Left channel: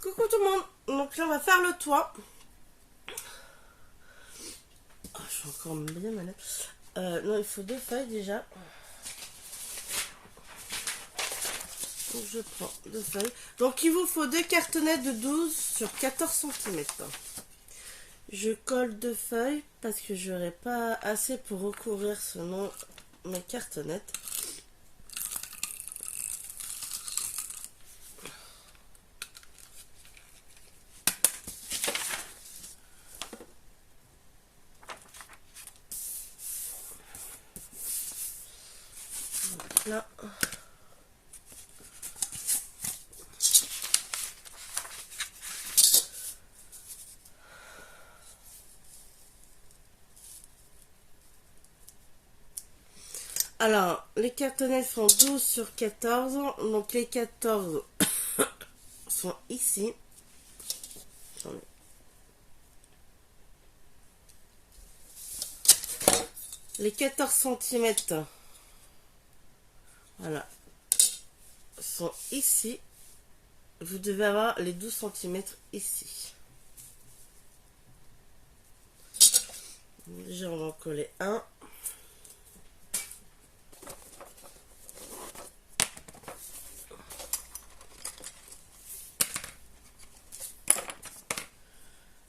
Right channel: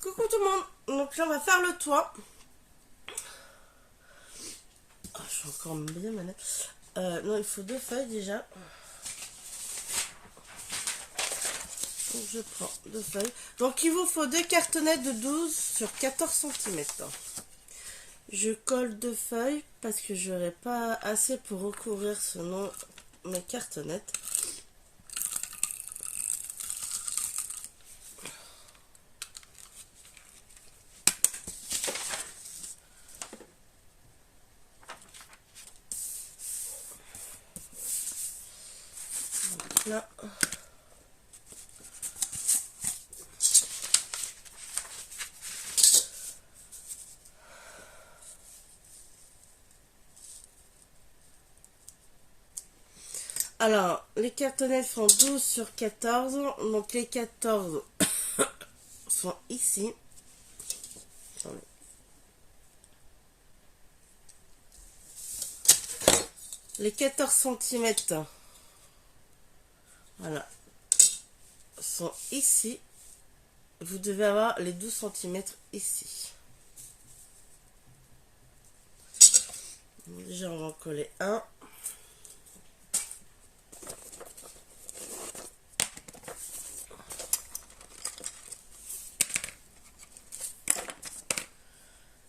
Coucou tout le monde. Donc là on va faire le toit. Oh, je suis encore bien malade. Non, il faut 2 feuilles déjà. Donc je prends 2 feuilles. Donc il vous faut 2 cartonnettes de 12 sur 14 cm. Je colle 2 feuilles parce que j'aurai pas assez pour recouvrir sinon mes cartonnettes. Donc là. Alors, les cartonnettes font 12 sur 14. Donc les 14 sont ici. Attendez. Les 14 cm, voilà, sont ici. Vous devez avoir les 12 cm ici. Déjà, on va en coller un.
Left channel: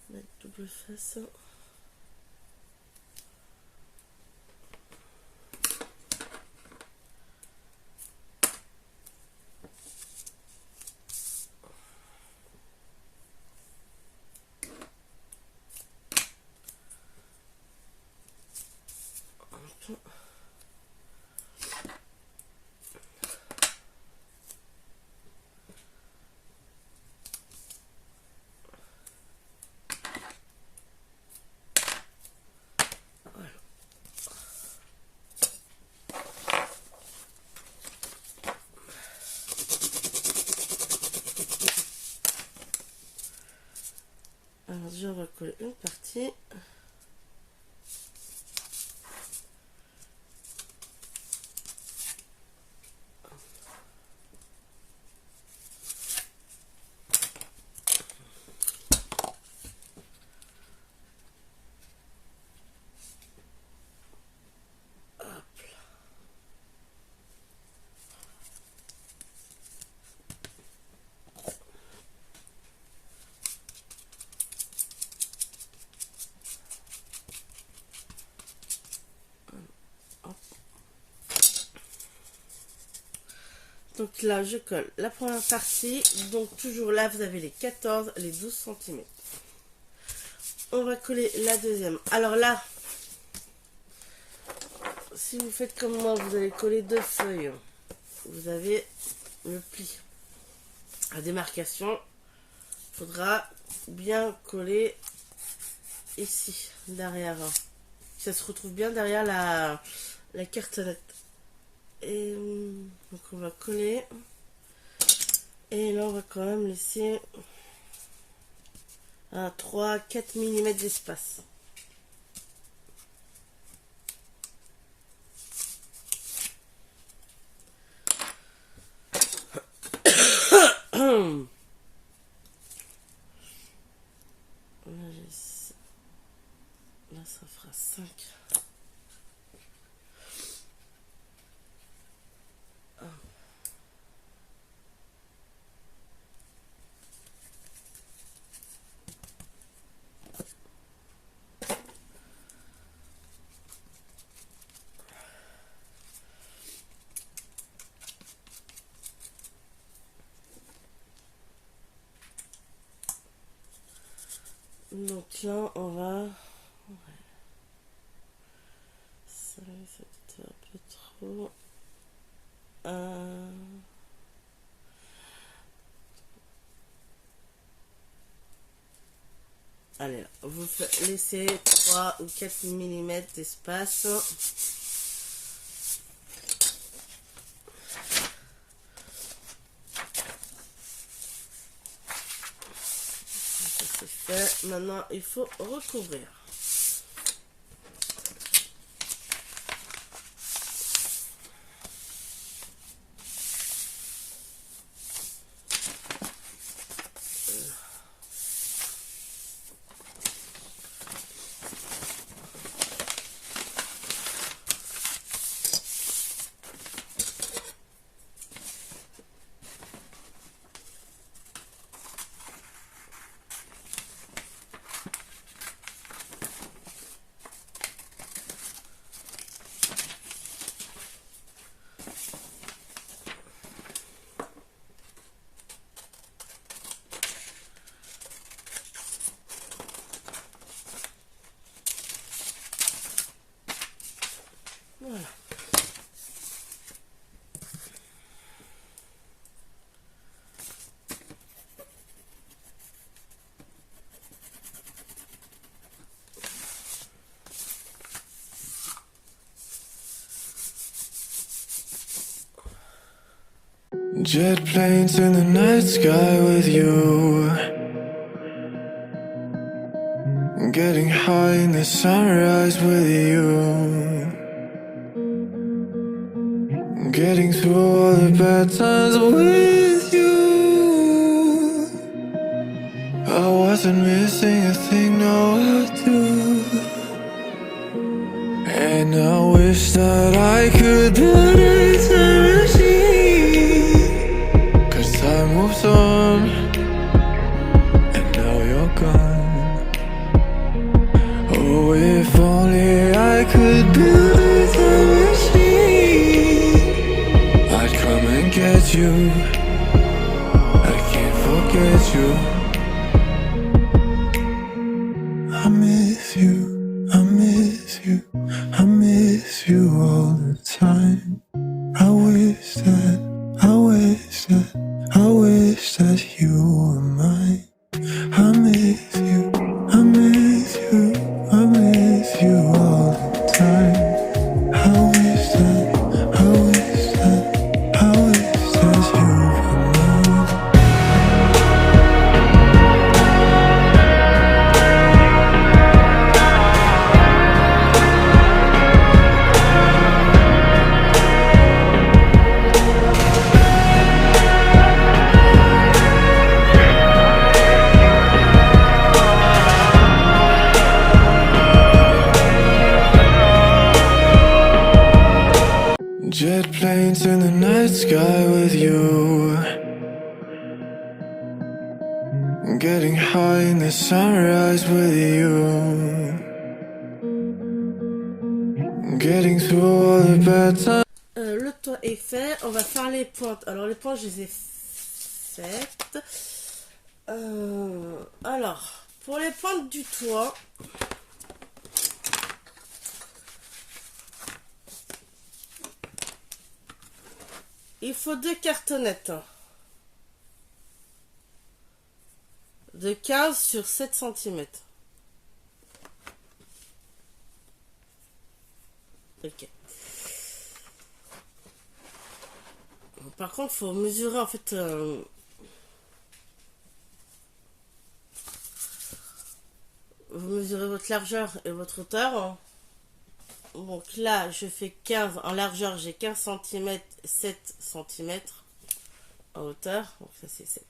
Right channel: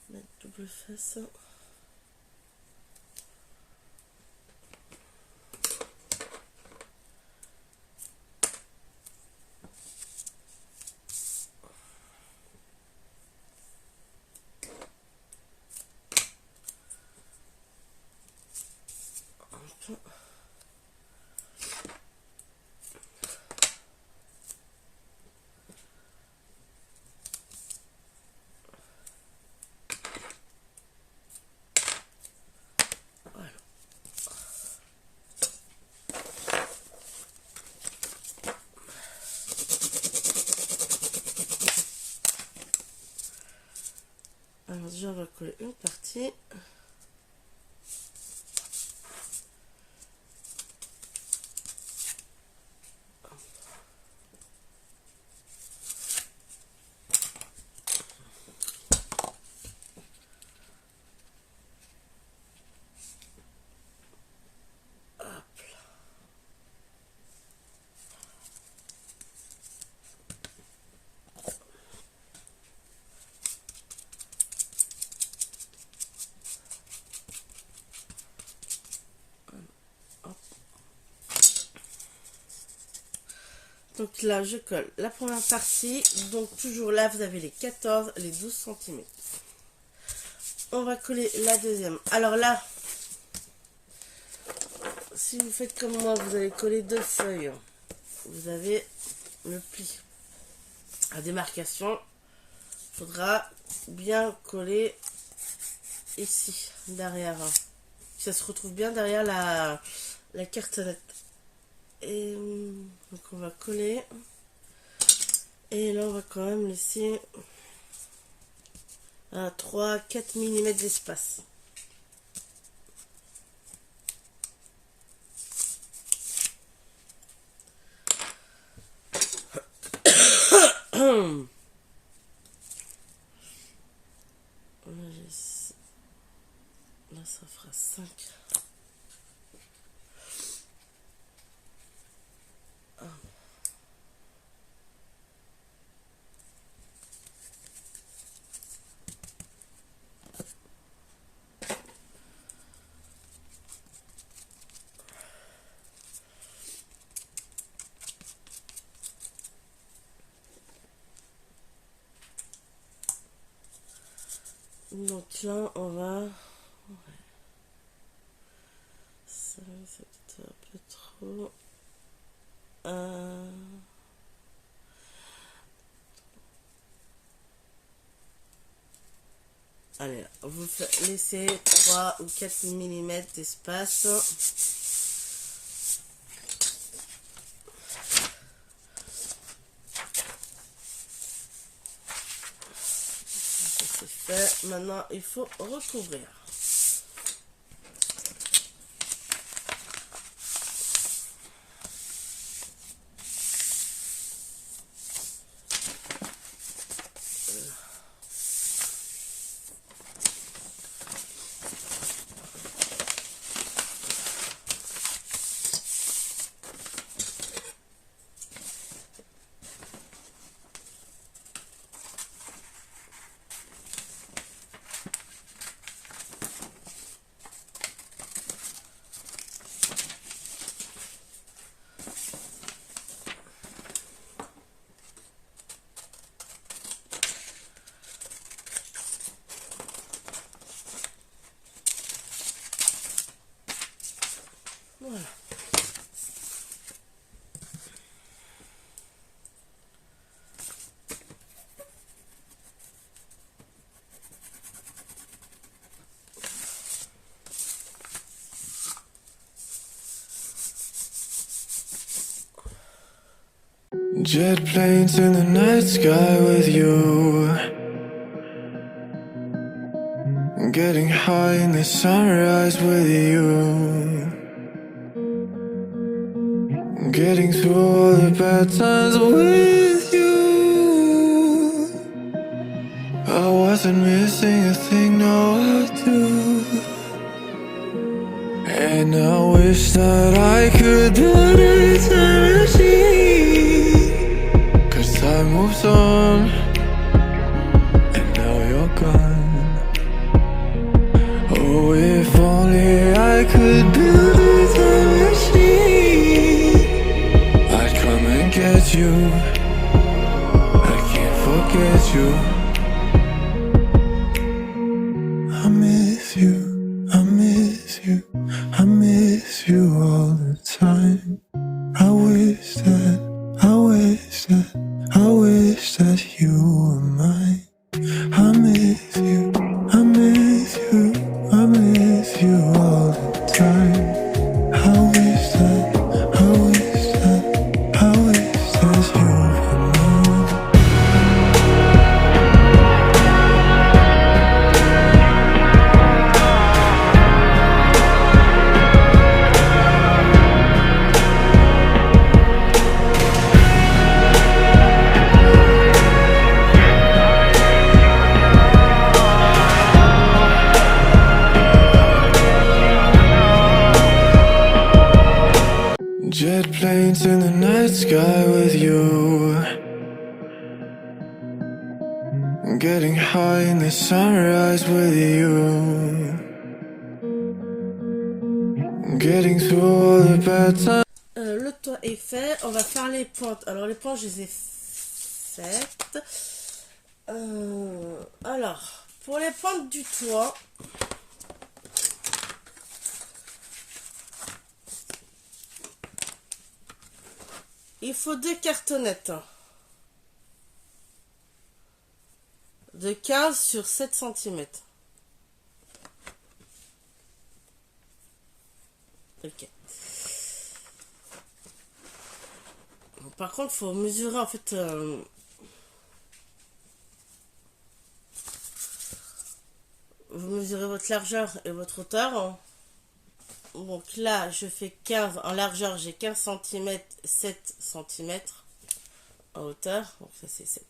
Mettre double face. Alors déjà on va coller une partie. Donc là, je colle la première partie. Donc toujours là, vous avez les 14, les 12 cm. On va coller la deuxième. Alors là, si vous faites comme moi, vous allez coller 2 feuilles. Vous avez le pli à démarcation. Il faudra bien coller ici, derrière. Ça se retrouve bien derrière la cartonnette. Et donc on va coller. Et là on va quand même laisser 3-4 mm d'espace. Là ça fera 5. Donc là, on va... Ça, c'est un peu trop... Allez, vous laissez 3 ou 4 mm d'espace. Fait. Maintenant, il faut recouvrir. Jet planes in the night sky with you, getting high in the sunrise with you, getting through all the bad times with you. I wasn't missing a thing, no I do. And I wish that I could build a time machine, 'cause time moves on, and now you're gone. Oh, if only I could build a time machine, I'd come and get you. I can't forget you. I miss you, I miss you, I miss you all the time. I wish that, I wish that, I wish that you were mine. I miss you, I miss you, I miss you all the time. I wish that, I wish that, I wish that you were mine. Jet planes in the night sky with you, getting high in the sunrise with you, getting through all the bad times. Le toit est fait, on va faire les pointes. Alors les pointes, je les ai faites. Alors, pour les pointes du toit, il faut 2 cartonnettes de 15 sur 7 cm. Ok. Par contre, il faut mesurer en fait. Vous mesurez votre largeur et votre hauteur. Donc là, je fais 15 en largeur, j'ai 15 cm, 7 cm en hauteur. Donc ça, c'est 7.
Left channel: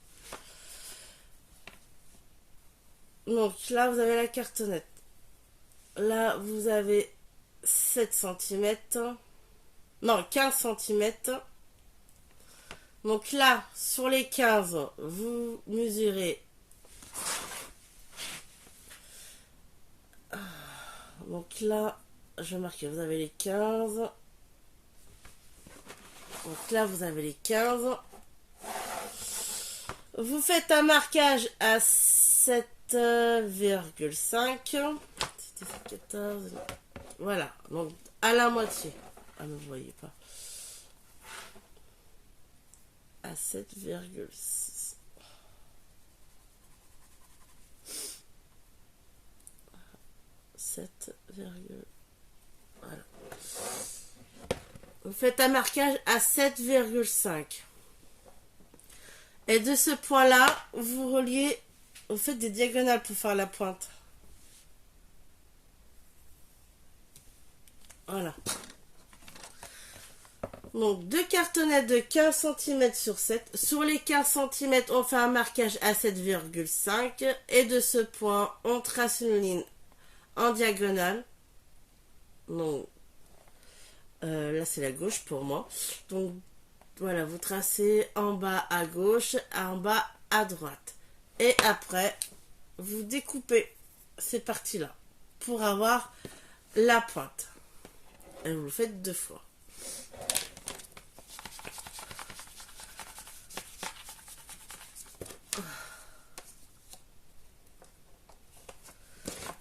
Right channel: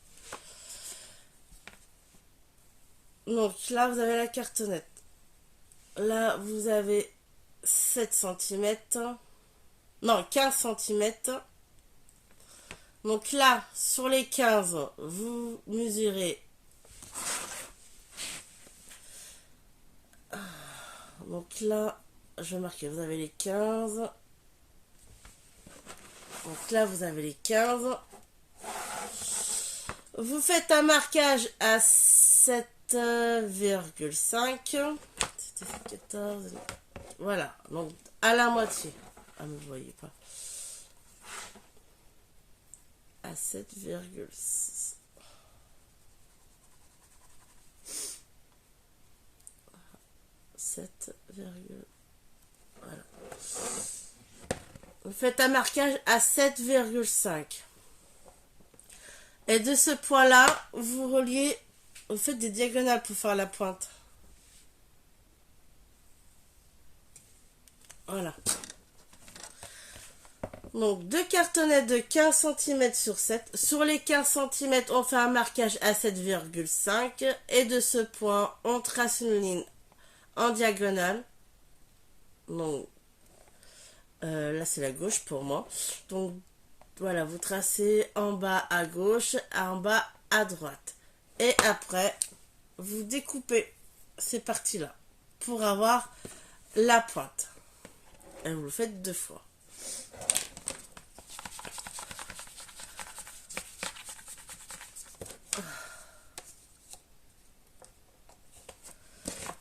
Donc là, vous avez la cartonnette. Là, vous avez 7 cm. Non, 15 cm. Donc là, sur les 15, vous mesurez. Donc là, je vais marquer, vous avez les 15. Donc là, vous avez les 15. Vous faites un marquage à 7,5. 14. Voilà, donc à la moitié. Ah, mais vous voyez pas. À 7,6. Voilà. Vous faites un marquage à 7,5. Et de ce point-là, vous reliez, vous faites des diagonales pour faire la pointe. Voilà. Donc, 2 cartonnettes de 15 cm sur 7. Sur les 15 cm, on fait un marquage à 7,5. Et de ce point, on trace une ligne en diagonale. Donc, là, c'est la gauche pour moi. Donc, voilà, vous tracez en bas à gauche, en bas à droite. Et après, vous découpez ces parties-là pour avoir la pointe. Et vous le faites 2 fois.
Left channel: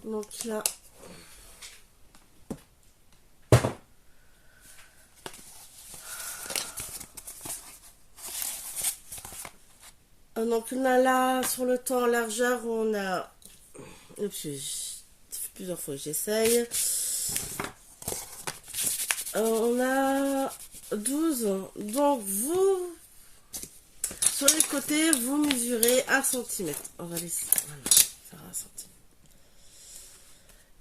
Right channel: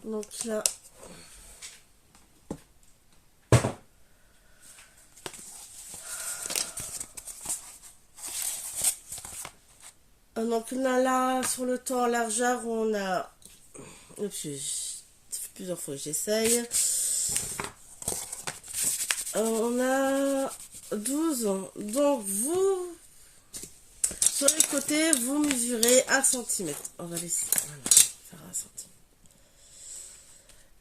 Donc là, sur le temps en largeur, on a... Oups, ça fait plusieurs fois que j'essaye. On a 12. Donc vous Sur les côtés, vous mesurez 1 cm. On va laisser, voilà, faire 1 cm.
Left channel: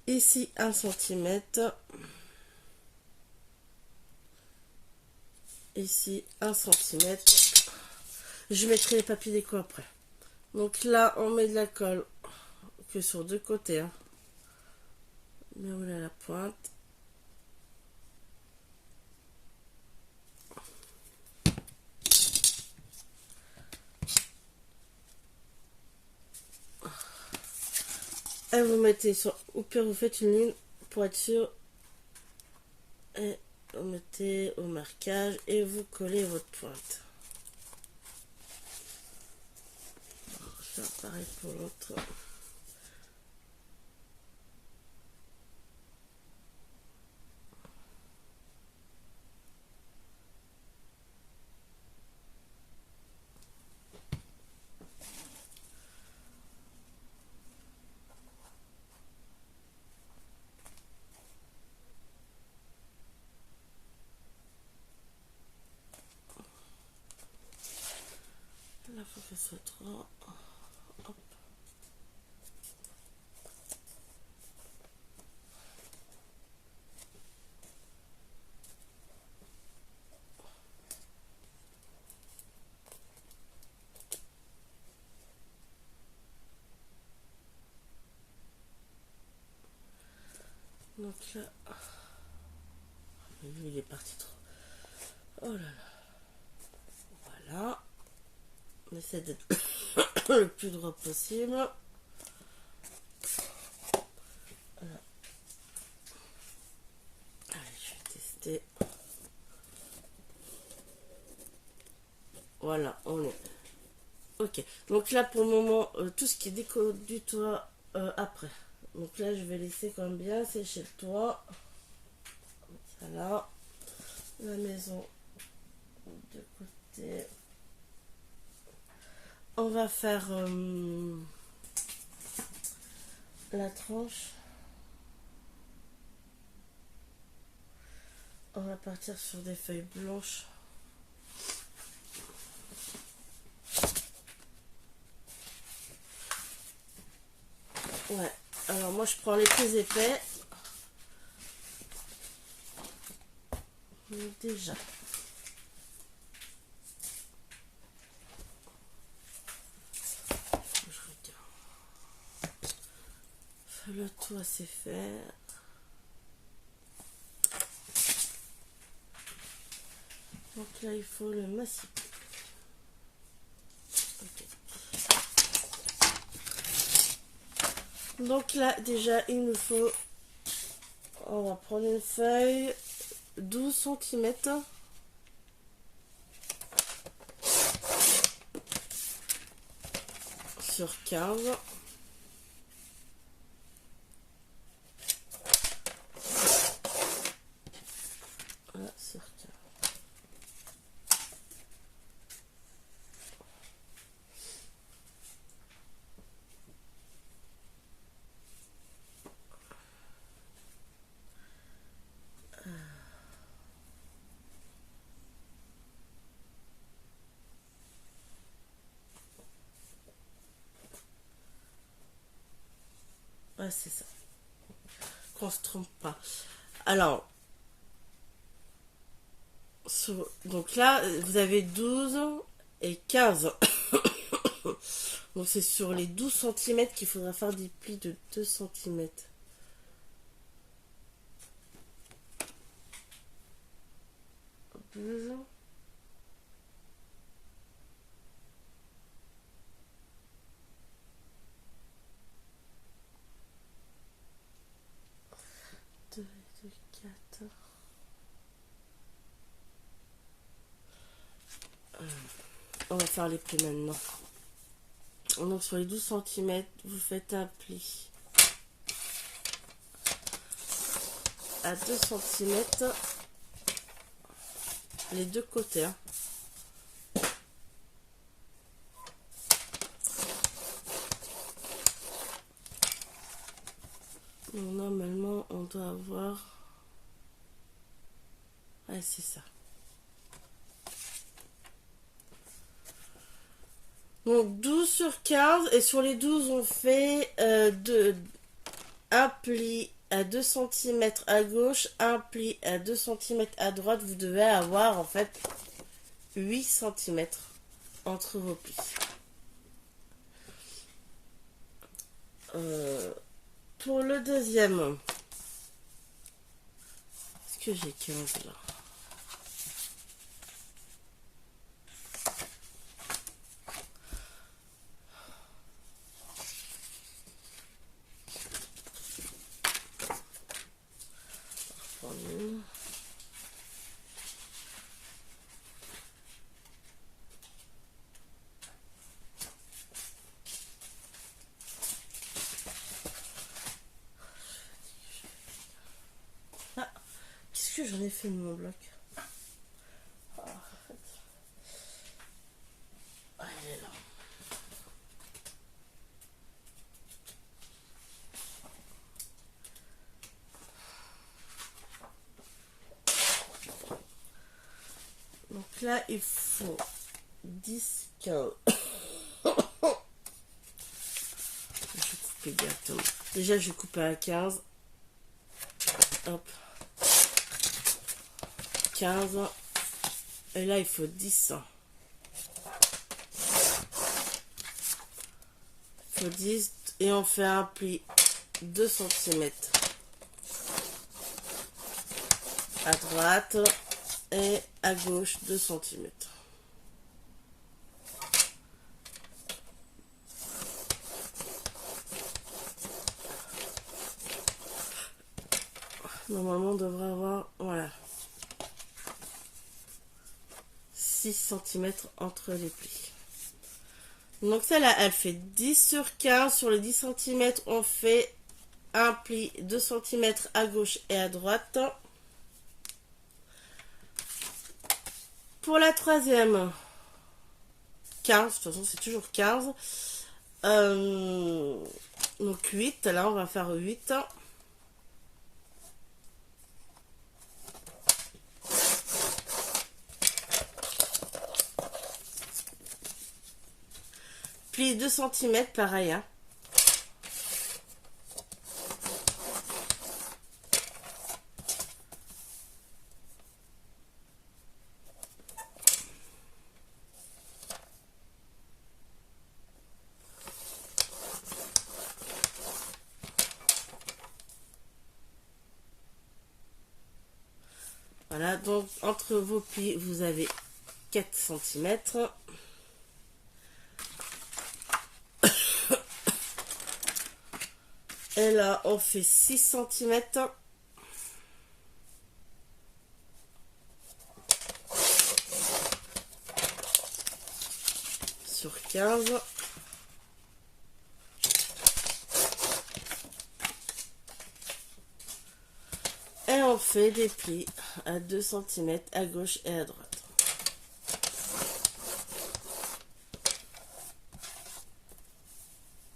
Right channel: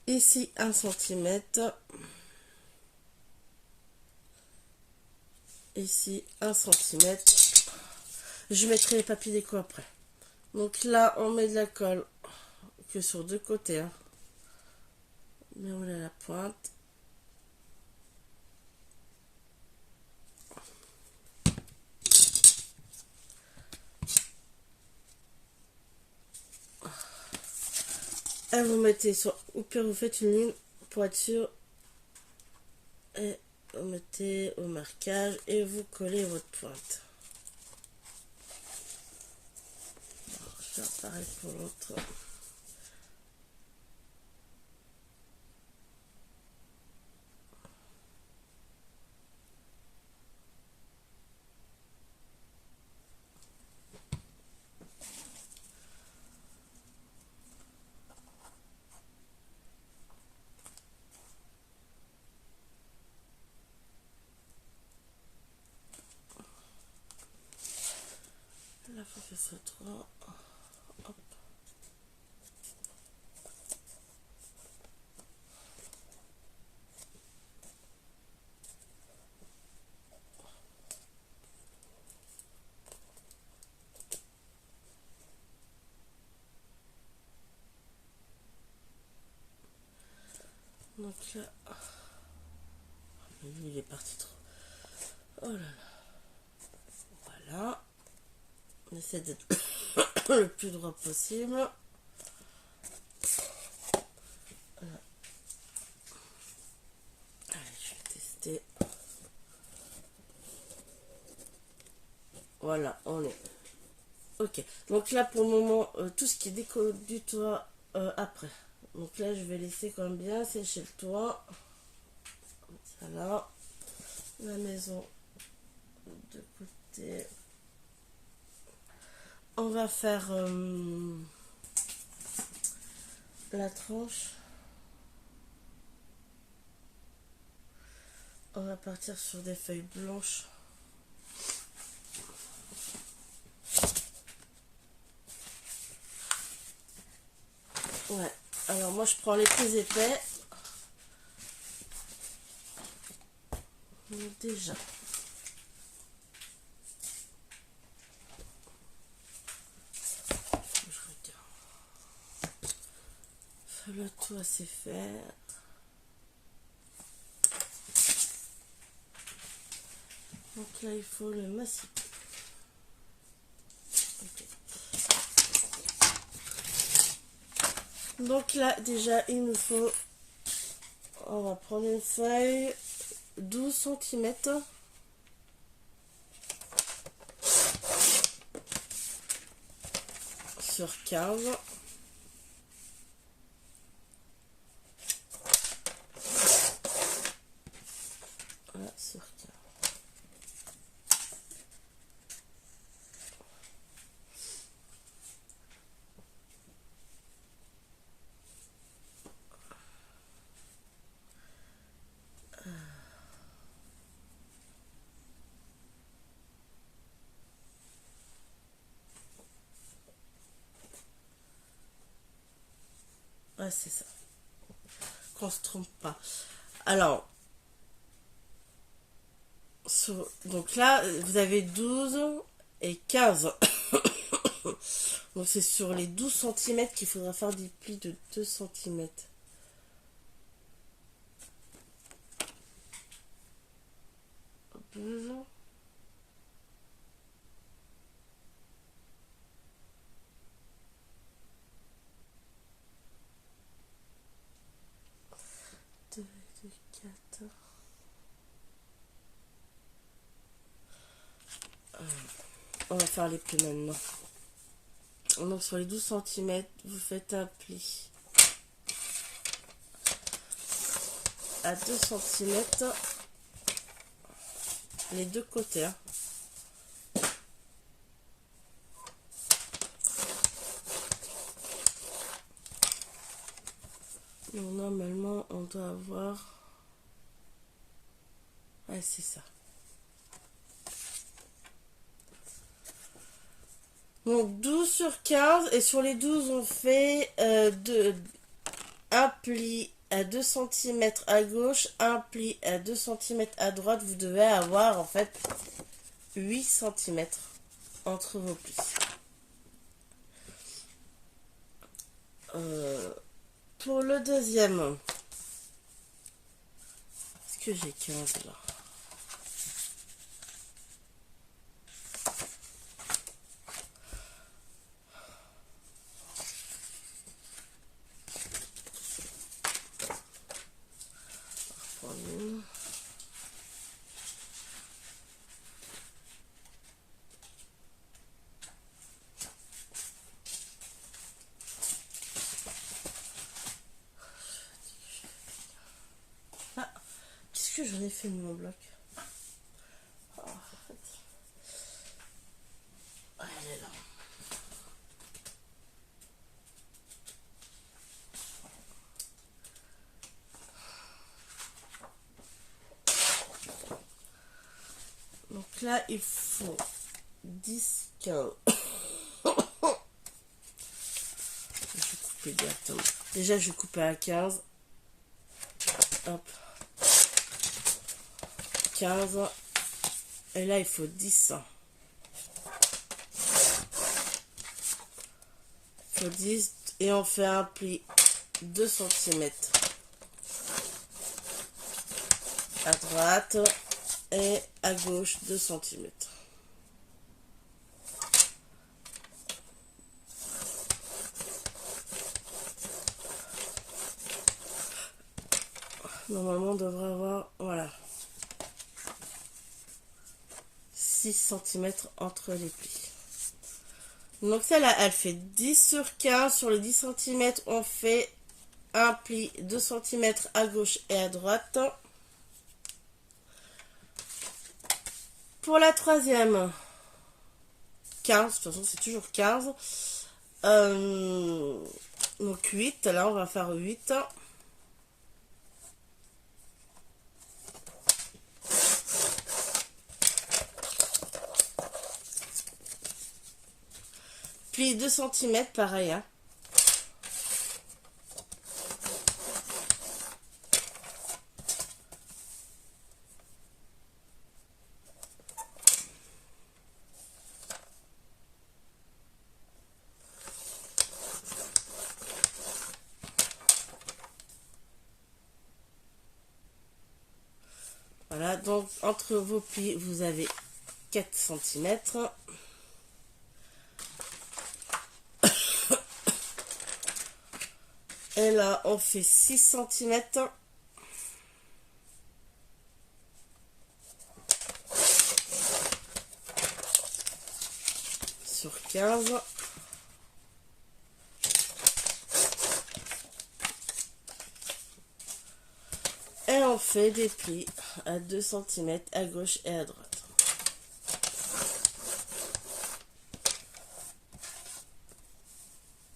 Ici, 1 cm. Ici, 1 cm. Je mettrai les papiers déco après. Donc là, on met de la colle que sur 2 côtés. Hein. Mais on a la pointe. Et vous mettez sur, ou pire vous faites une ligne pour être sûr. Et vous mettez au marquage et vous collez votre pointe. Je vais faire pareil pour l'autre. Là, faut faire ça droit. Hop. Donc là, mais lui il est parti trop. Oh là là. Voilà. On essaie d'être le plus droit possible. Voilà. Allez, je vais tester. Voilà, on est. Ok. Donc là, pour le moment, tout ce qui est déco du toit, après. Donc là, je vais laisser quand même bien sécher le toit. Ça là. La maison de côté. On va faire la tranche. On va partir sur des feuilles blanches. Ouais. Alors moi je prends les plus épais. Donc déjà. Je regarde. Le toit c'est fait. Donc là il faut le massif. Okay. Donc là déjà il nous faut. On va prendre une feuille 12 cm. Sur 15. Voilà, sur 15. Ouais, c'est ça. Qu'on se trompe pas. Alors, donc là, vous avez 12 et 15. Donc c'est sur les 12 cm qu'il faudra faire des plis de 2 cm. Deux. Deux, 4. On va faire les plis maintenant. Donc sur les 12 cm, vous faites un pli à 2 cm les deux côtés. Hein. Donc normalement on doit avoir... Ouais, c'est ça. Donc 12 sur 15, et sur les 12 on fait un pli à 2 cm à gauche, un pli à 2 cm à droite. Vous devez avoir en fait 8 cm entre vos plis. Pour le deuxième, est-ce que j'ai 15 là? Ah, qu'est-ce que j'en ai fait de mon bloc? Oh, elle est là. Donc là, il faut 10, 15. Je vais couper directement. Déjà, je vais couper à 15. Hop. 15. Et là, il faut 10. Il faut 10. Et on fait un pli 2 cm à droite et à gauche 2 cm. Normalement, on devrait avoir, voilà, 6 cm entre les plis. Donc celle-là, elle fait 10 sur 15. Sur les 10 cm, on fait un pli 2 cm à gauche et à droite. Pour la troisième, 15, de toute façon c'est toujours 15. Donc 8, là on va faire 8. Pli 2 cm, pareil. Hein. Voilà, donc entre vos plis, vous avez 4 cm. Et là, on fait 6 cm. Sur 15. Et on fait des plis à 2 cm à gauche et à droite.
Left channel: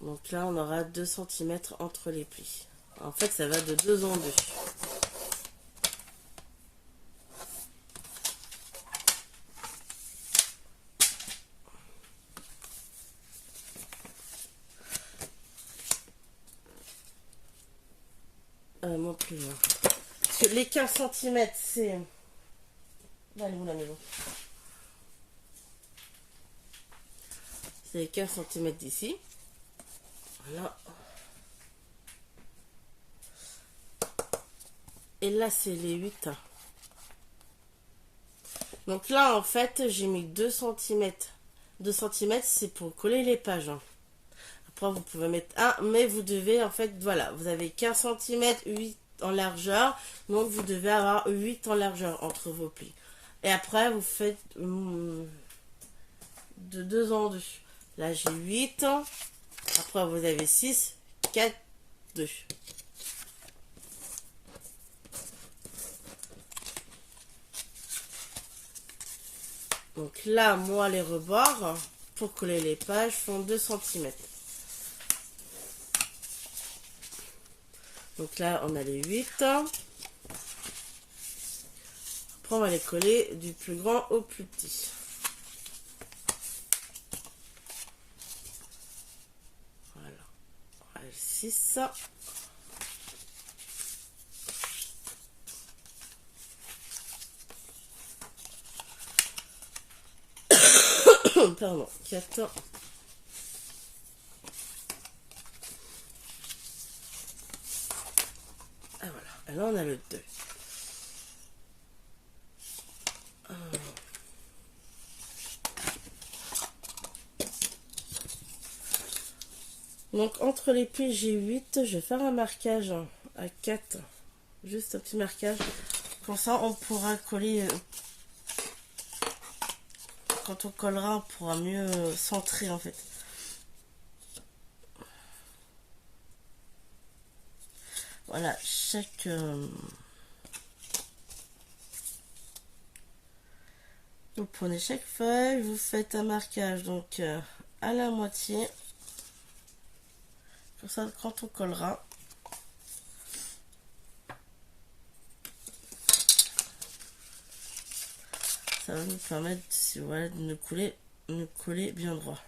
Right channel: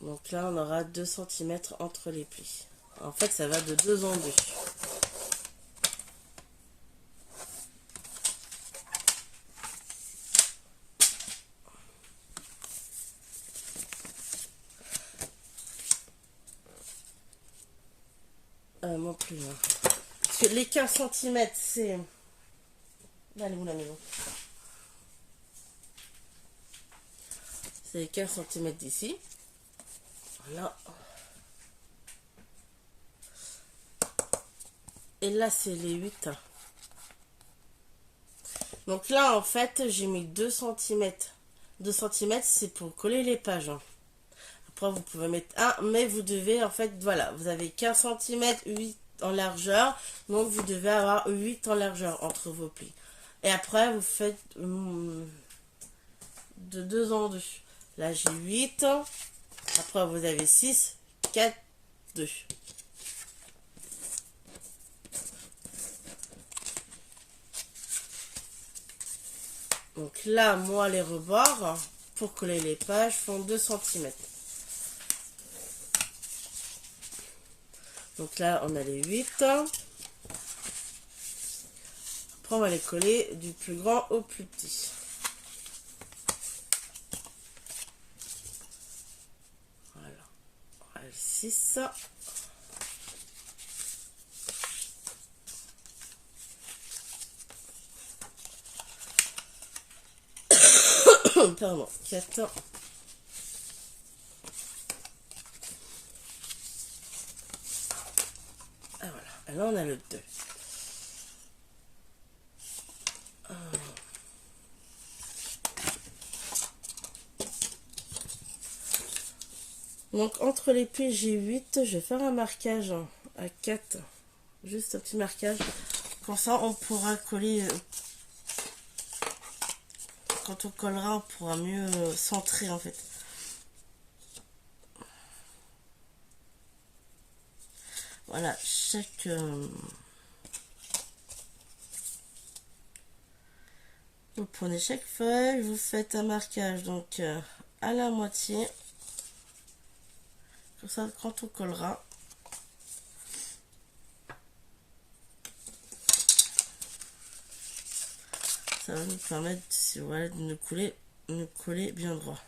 Donc là, on aura 2 cm entre les plis. En fait, ça va de 2 en 2. Mon plus. Parce que les 15 cm, c'est... Elle est où la maison? C'est les 15 cm d'ici. Voilà. Et là, c'est les 8. Donc là, en fait, j'ai mis 2 cm. 2 cm, c'est pour coller les pages. Après, vous pouvez mettre 1, mais vous devez, en fait, voilà, vous avez 15 cm, 8 en largeur. Donc, vous devez avoir 8 en largeur entre vos plis. Et après, vous faites de 2 en 2. Là, j'ai 8. Après, vous avez 6, 4, 2. Donc là, moi, les rebords, pour coller les pages, font 2 cm. Donc là, on a les 8. Après, on va les coller du plus grand au plus petit. 6. Pardon, 4. Ah voilà, et là on a le 2. Donc entre les pieds j'ai 8, je vais faire un marquage à 4, juste un petit marquage, comme ça on pourra coller, quand on collera on pourra mieux centrer en fait. Voilà, vous prenez chaque feuille, vous faites un marquage donc à la moitié. Comme ça, quand on collera, ça va nous permettre, voilà, de nous coller bien droit.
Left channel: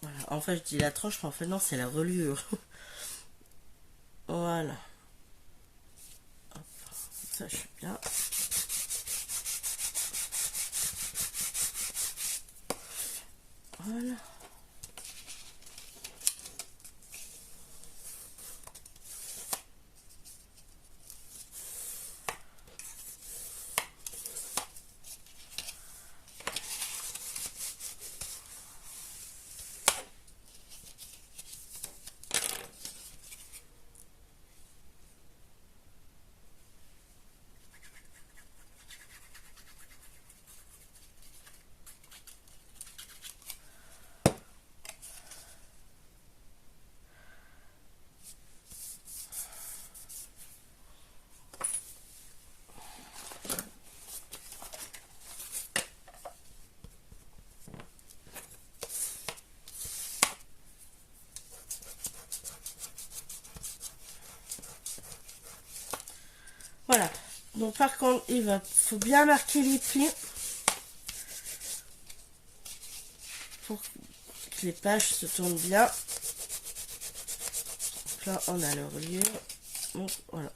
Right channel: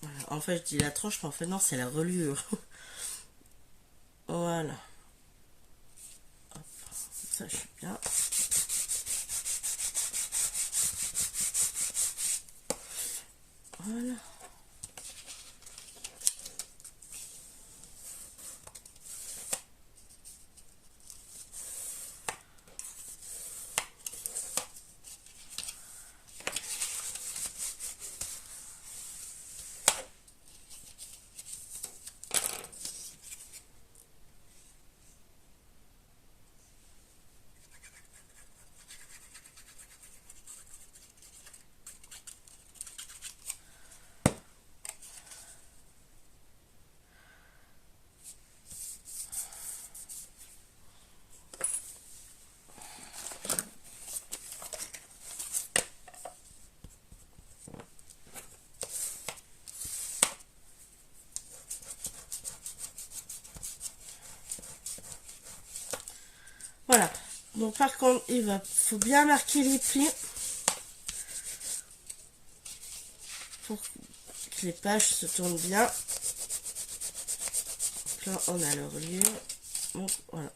Voilà. En fait, je dis la tranche, mais en fait, non, c'est la reliure. Voilà. Hop. Ça, je suis bien. Voilà. Voilà. Donc, par contre, faut bien marquer les plis pour que les pages se tournent bien. Donc là, on a le reliure. Donc, voilà.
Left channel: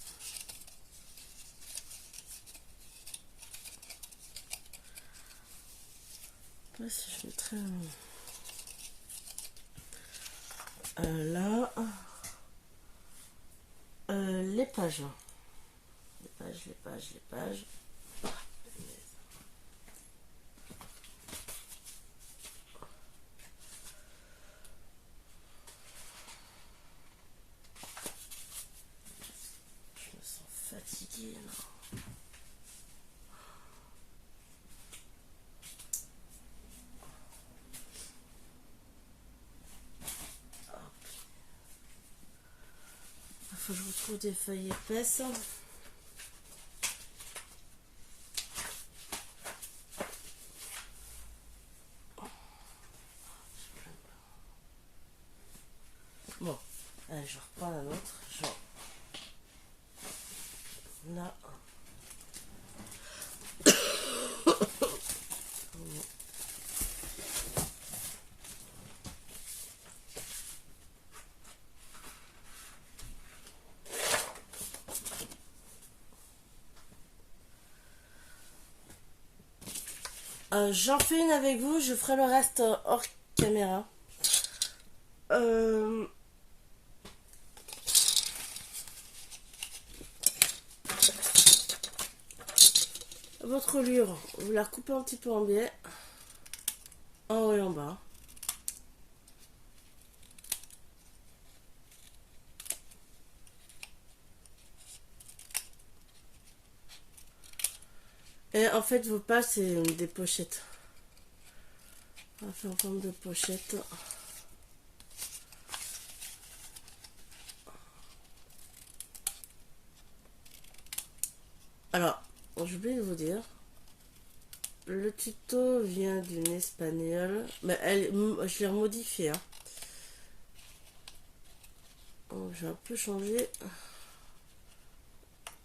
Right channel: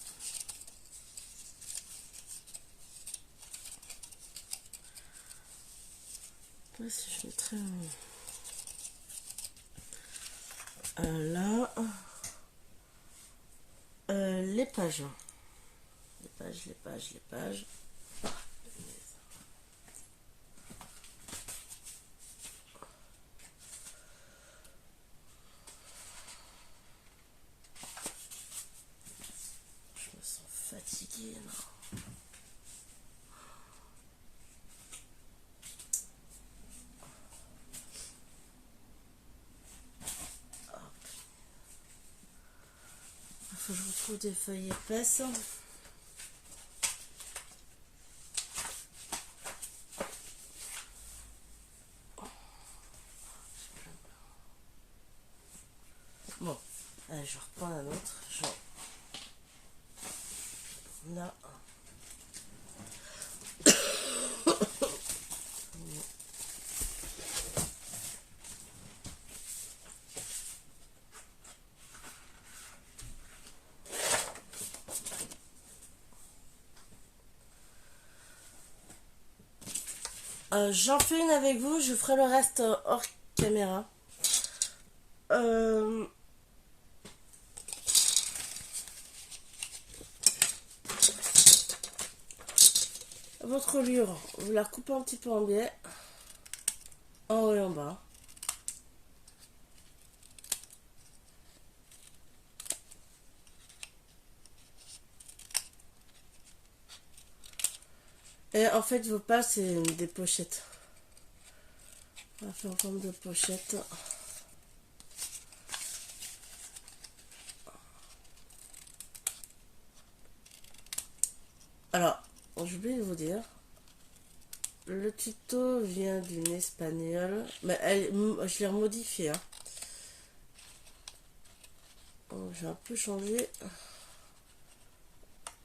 Là, si je mettrais là, les pages. Les pages. Je me sens fatiguée là. Il faut que je retrouve des feuilles épaisses. Bon, allez, je reprends un autre. Genre, là. J'en fais une avec vous, je ferai le reste hors caméra. Votre reliure, vous la coupez un petit peu en biais, en haut et en bas. Et en fait, vos pages, c'est des pochettes. On va faire en forme de pochette. Alors, j'ai oublié de vous dire. Le tuto vient d'une espagnole. Mais je l'ai remodifié. Hein. Oh, j'ai un peu changé.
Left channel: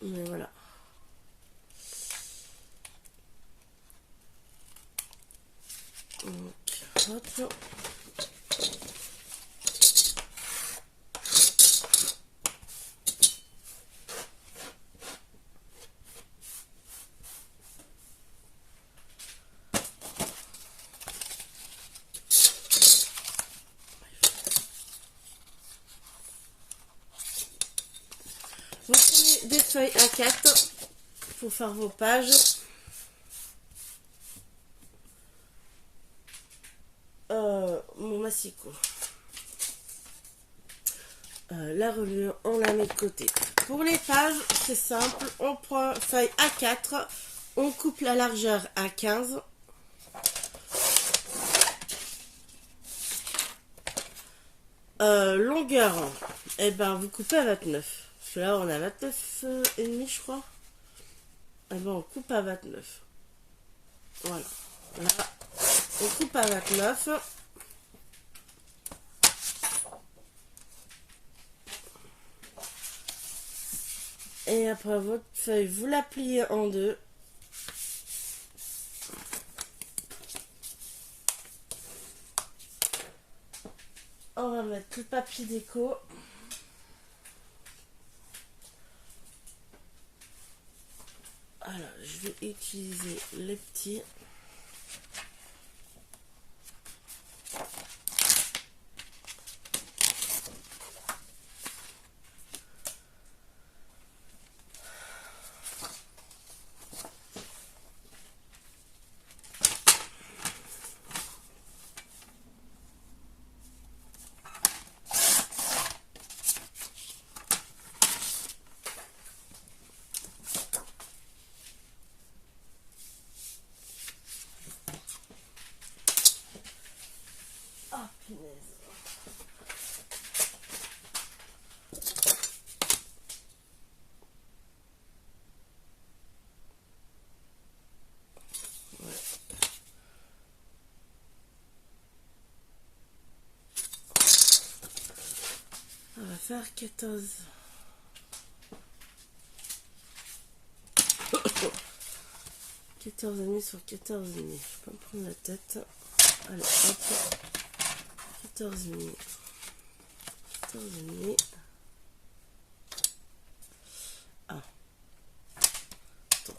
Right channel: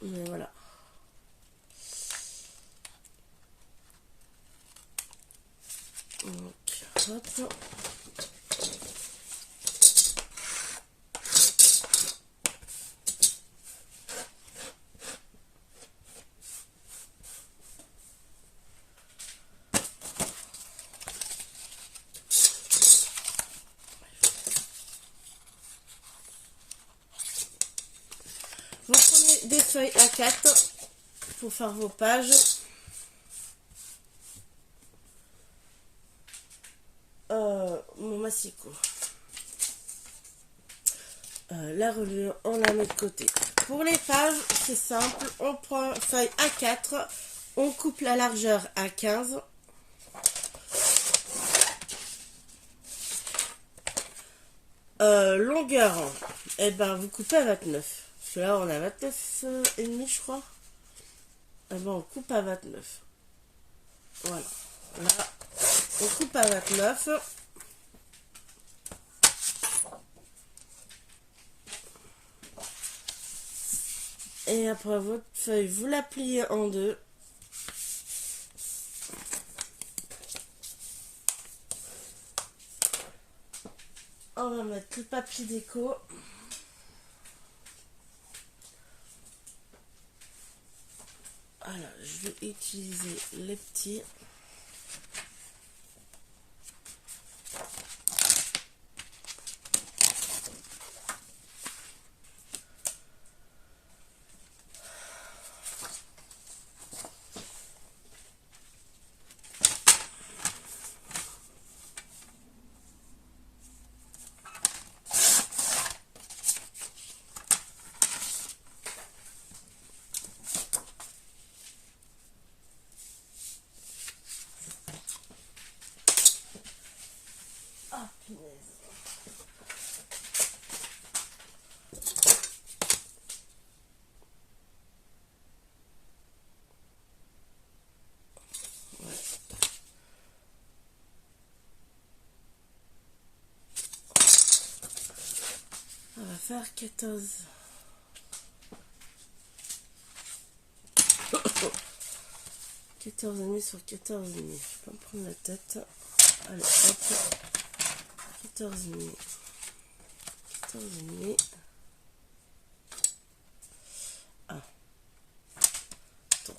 Mais voilà. Donc, hop. Vous prenez des feuilles A4 pour faire vos pages. Mon massicot. La reliure, on la met de côté. Pour les pages, c'est simple. On prend feuille A4, on coupe la largeur à 15. Longueur, et ben vous coupez à 29. Parce que là, on a 29 et demi, je crois. Et ben on coupe à 29. Voilà. Là, on coupe à 29. Et après votre feuille, vous la pliez en deux. On va mettre le papier déco. Alors, je vais utiliser les petits. On va faire 14. 14,5 sur 14,5. Je vais pas me prendre la tête. Allez, hop. 14,5. 14,5. Ah. Attends.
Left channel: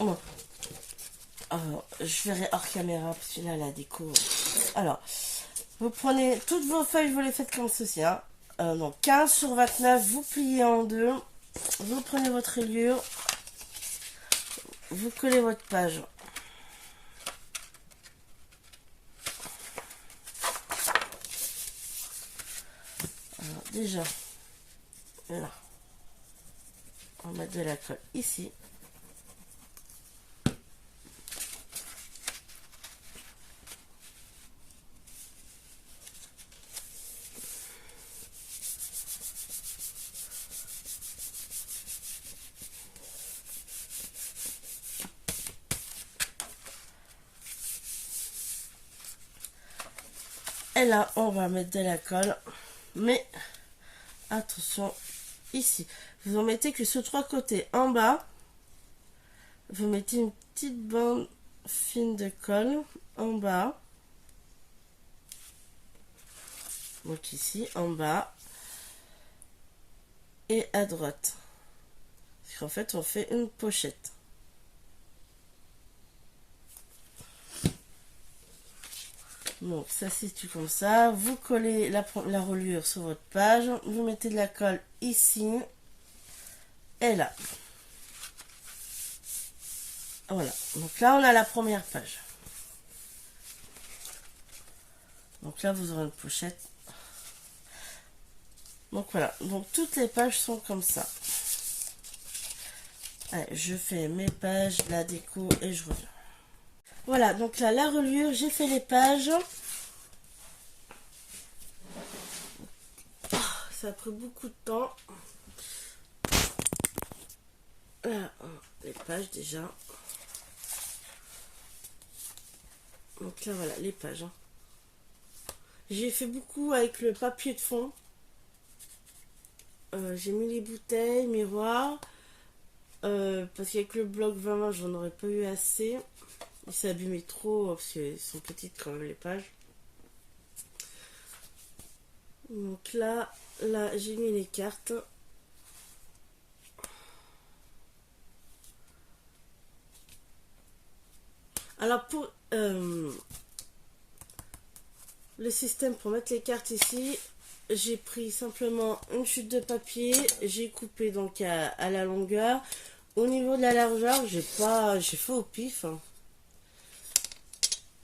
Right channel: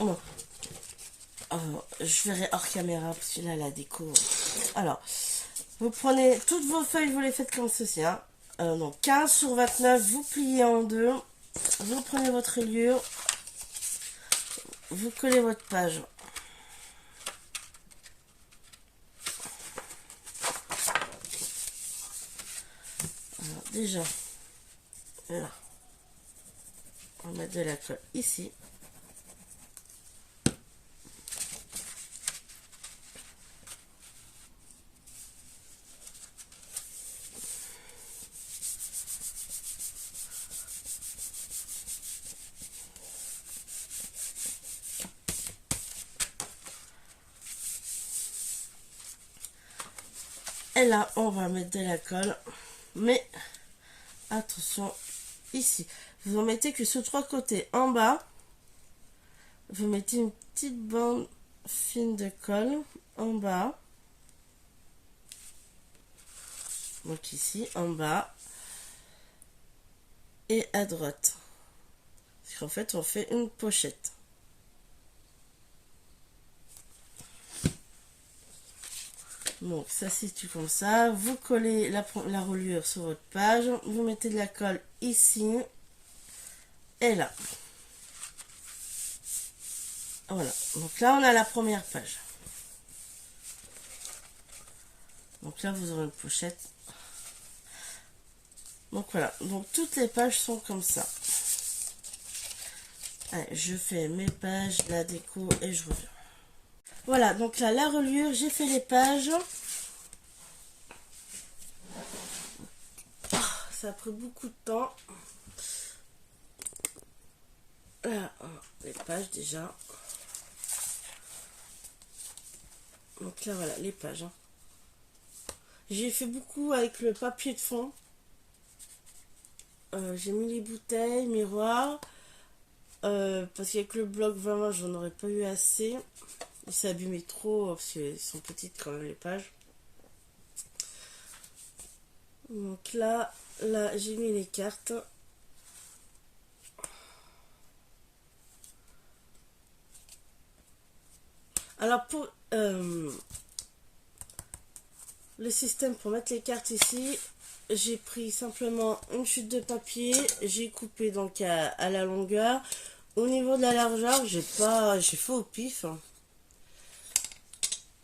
Bon. Alors, je verrai hors caméra parce que là, la déco. Alors, vous prenez toutes vos feuilles, vous les faites comme ceci. Hein. Donc, 15 sur 29, vous pliez en deux. Vous prenez votre reliure. Vous collez votre page. Alors, déjà, là, on va mettre de la colle ici. Et là, on va mettre de la colle. Mais, attention, ici. Vous en mettez que sur 3 côtés. En bas, vous mettez une petite bande fine de colle. En bas. Donc ici, en bas. Et à droite. Parce qu'en fait, on fait une pochette. Donc ça se situe comme ça. Vous collez la reliure sur votre page. Vous mettez de la colle ici et là. Voilà. Donc là on a la première page. Donc là vous aurez une pochette. Donc voilà. Donc toutes les pages sont comme ça. Allez, je fais mes pages, la déco et je reviens. Voilà, donc là, la reliure, j'ai fait les pages. Ça a pris beaucoup de temps. Là, les pages déjà. Donc là, voilà, les pages. J'ai fait beaucoup avec le papier de fond. J'ai mis les bouteilles, miroirs. Parce qu'avec le bloc 20, j'en aurais pas eu assez. Il s'est abîmé trop parce qu'elles sont petites quand même les pages. Donc là j'ai mis les cartes. Alors pour le système pour mettre les cartes ici, j'ai pris simplement une chute de papier, j'ai coupé donc à la longueur. Au niveau de la largeur, j'ai fait au pif.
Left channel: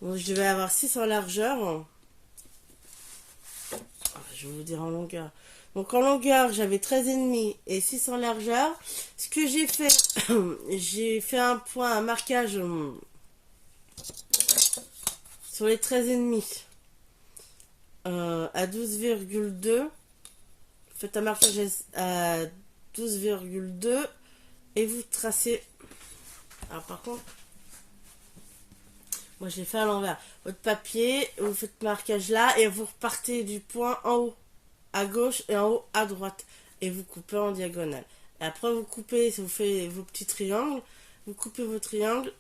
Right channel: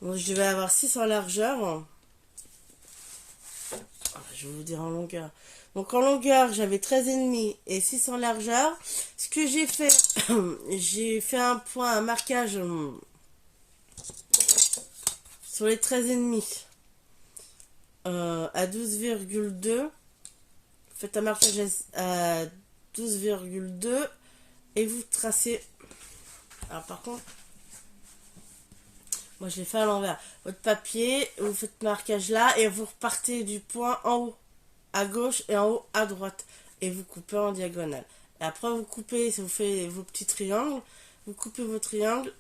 Donc, je devais avoir 6 en largeur. Je vais vous dire en longueur. Donc en longueur, j'avais 13,5 et 6 en largeur. Ce que j'ai fait, j'ai fait un point, un marquage sur les 13,5 à 12,2. Faites un marquage à 12,2 et vous tracez. Alors par contre, moi je l'ai fait à l'envers. Votre papier, vous faites marquage là et vous repartez du point en haut à gauche et en haut à droite et vous coupez en diagonale. Et après vous coupez, si vous faites vos petits triangles, vous coupez vos triangles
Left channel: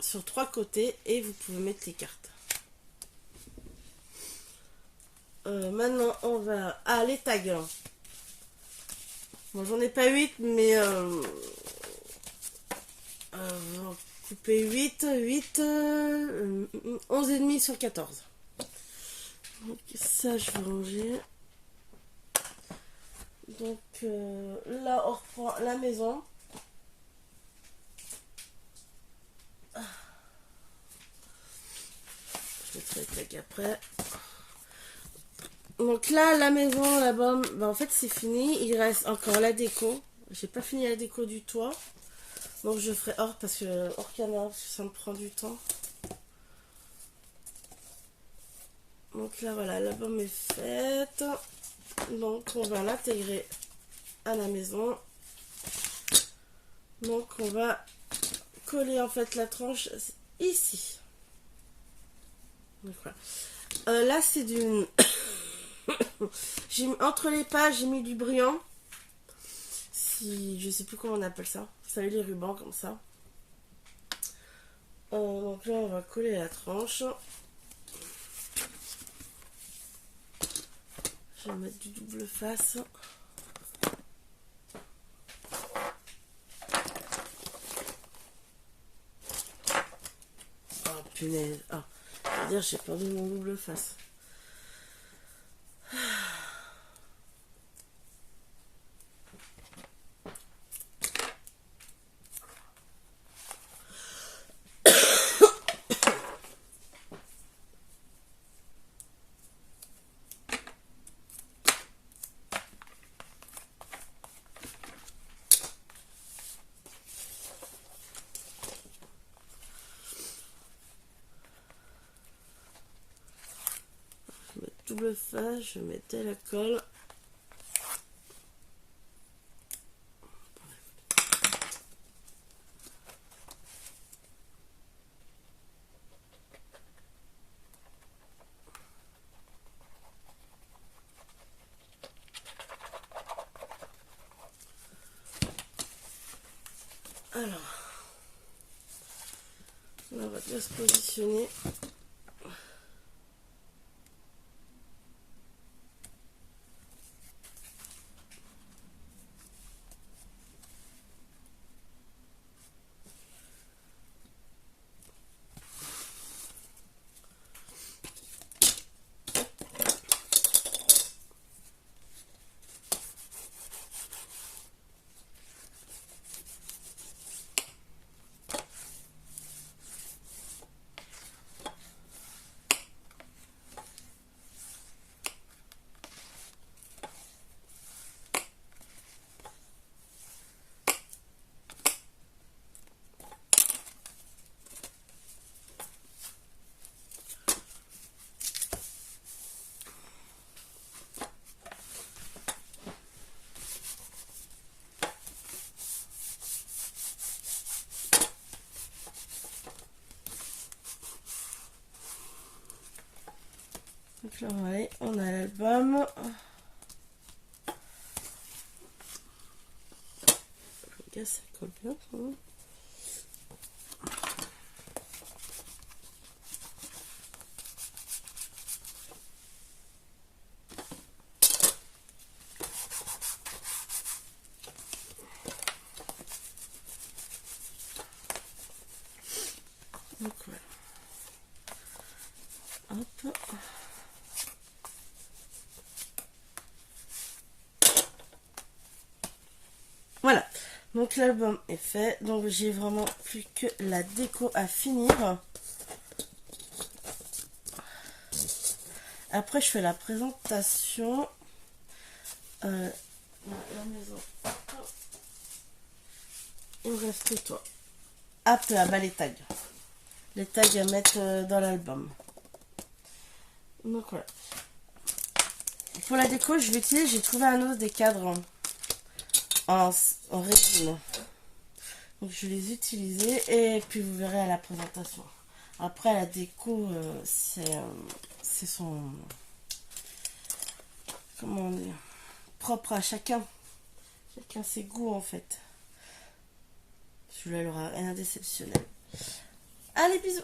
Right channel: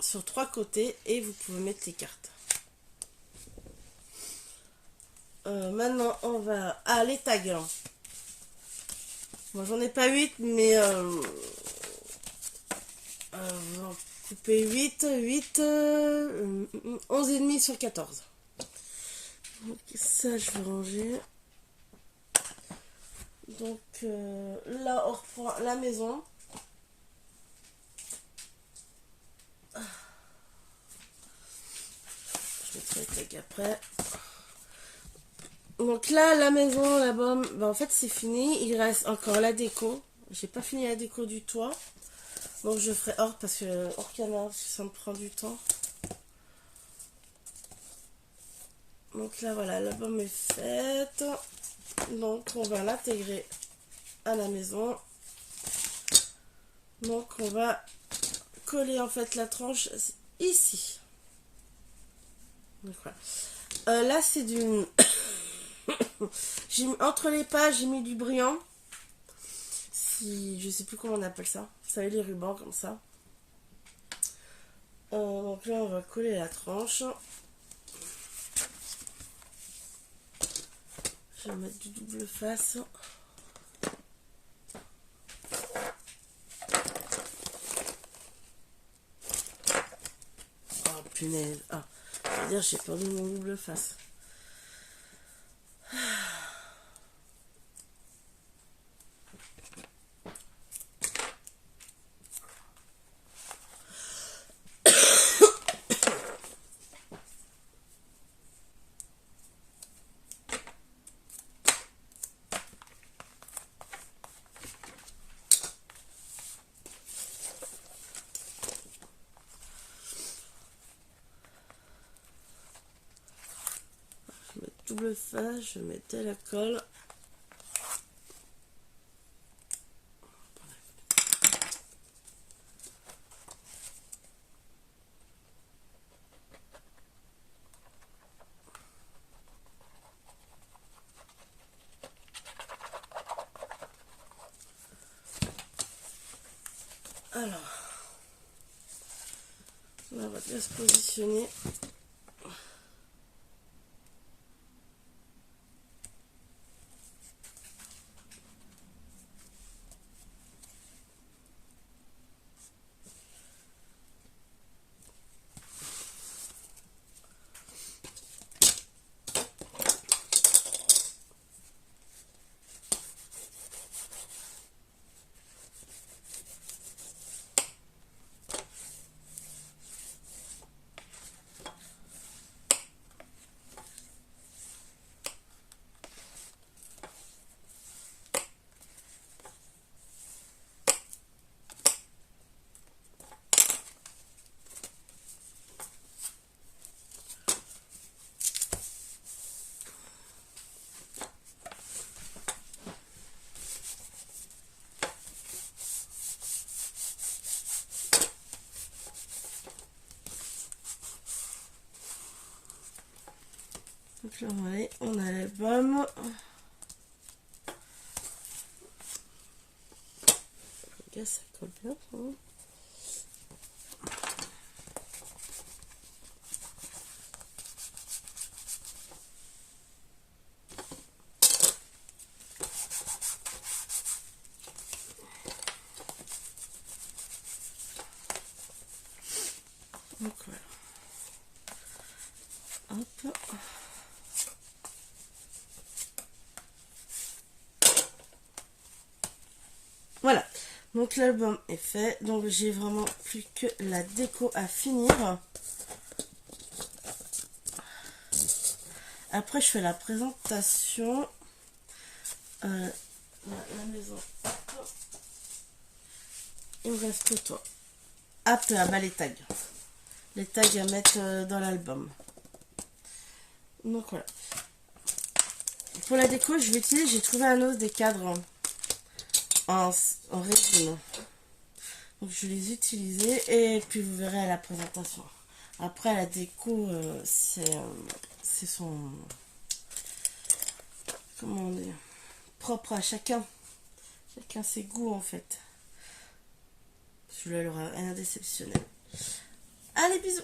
sur 3 côtés et vous pouvez mettre les cartes. Maintenant on va les tags. Bon, j'en ai pas 8 mais vous en coupez 8 11,5 sur 14. Donc ça je vais ranger. Donc là on reprend la maison. Je mettrai les tags après. Donc là la maison là-bas, bah, en fait c'est fini. Il reste encore la déco. J'ai pas fini la déco du toit. Donc je ferai hors parce que hors caméra parce que ça me prend du temps. Donc là voilà, l'album est faite. Donc on va l'intégrer à la maison. Donc on va coller en fait la tranche ici. Donc voilà. Là c'est du entre les pages j'ai mis du brillant. Je sais plus comment on appelle ça. Vous savez les rubans comme ça. Donc là on va coller la tranche. Je vais mettre du double face. Oh punaise. Ah, je veux dire j'ai perdu mon double face. Double face, je mettais la colle. Alors, là, on va bien se positionner. Donc là, on a l'album. Regarde, ça colle bien. Donc voilà. Hop. Voilà. Donc l'album est fait. Donc j'ai vraiment plus que la déco à finir. Après je fais la présentation. La maison. Il me reste que toi. Apte à bas les tags. Les tags à mettre dans l'album. Donc voilà. Pour la déco, je vais utiliser, j'ai trouvé un os des cadres en résine. Donc je vais les utiliser et puis vous verrez à la présentation. Après la déco, c'est son... Comment dire, propre à chacun. Chacun ses goûts en fait. Celui-là, il aura rien d'exceptionnel. Allez, bisous!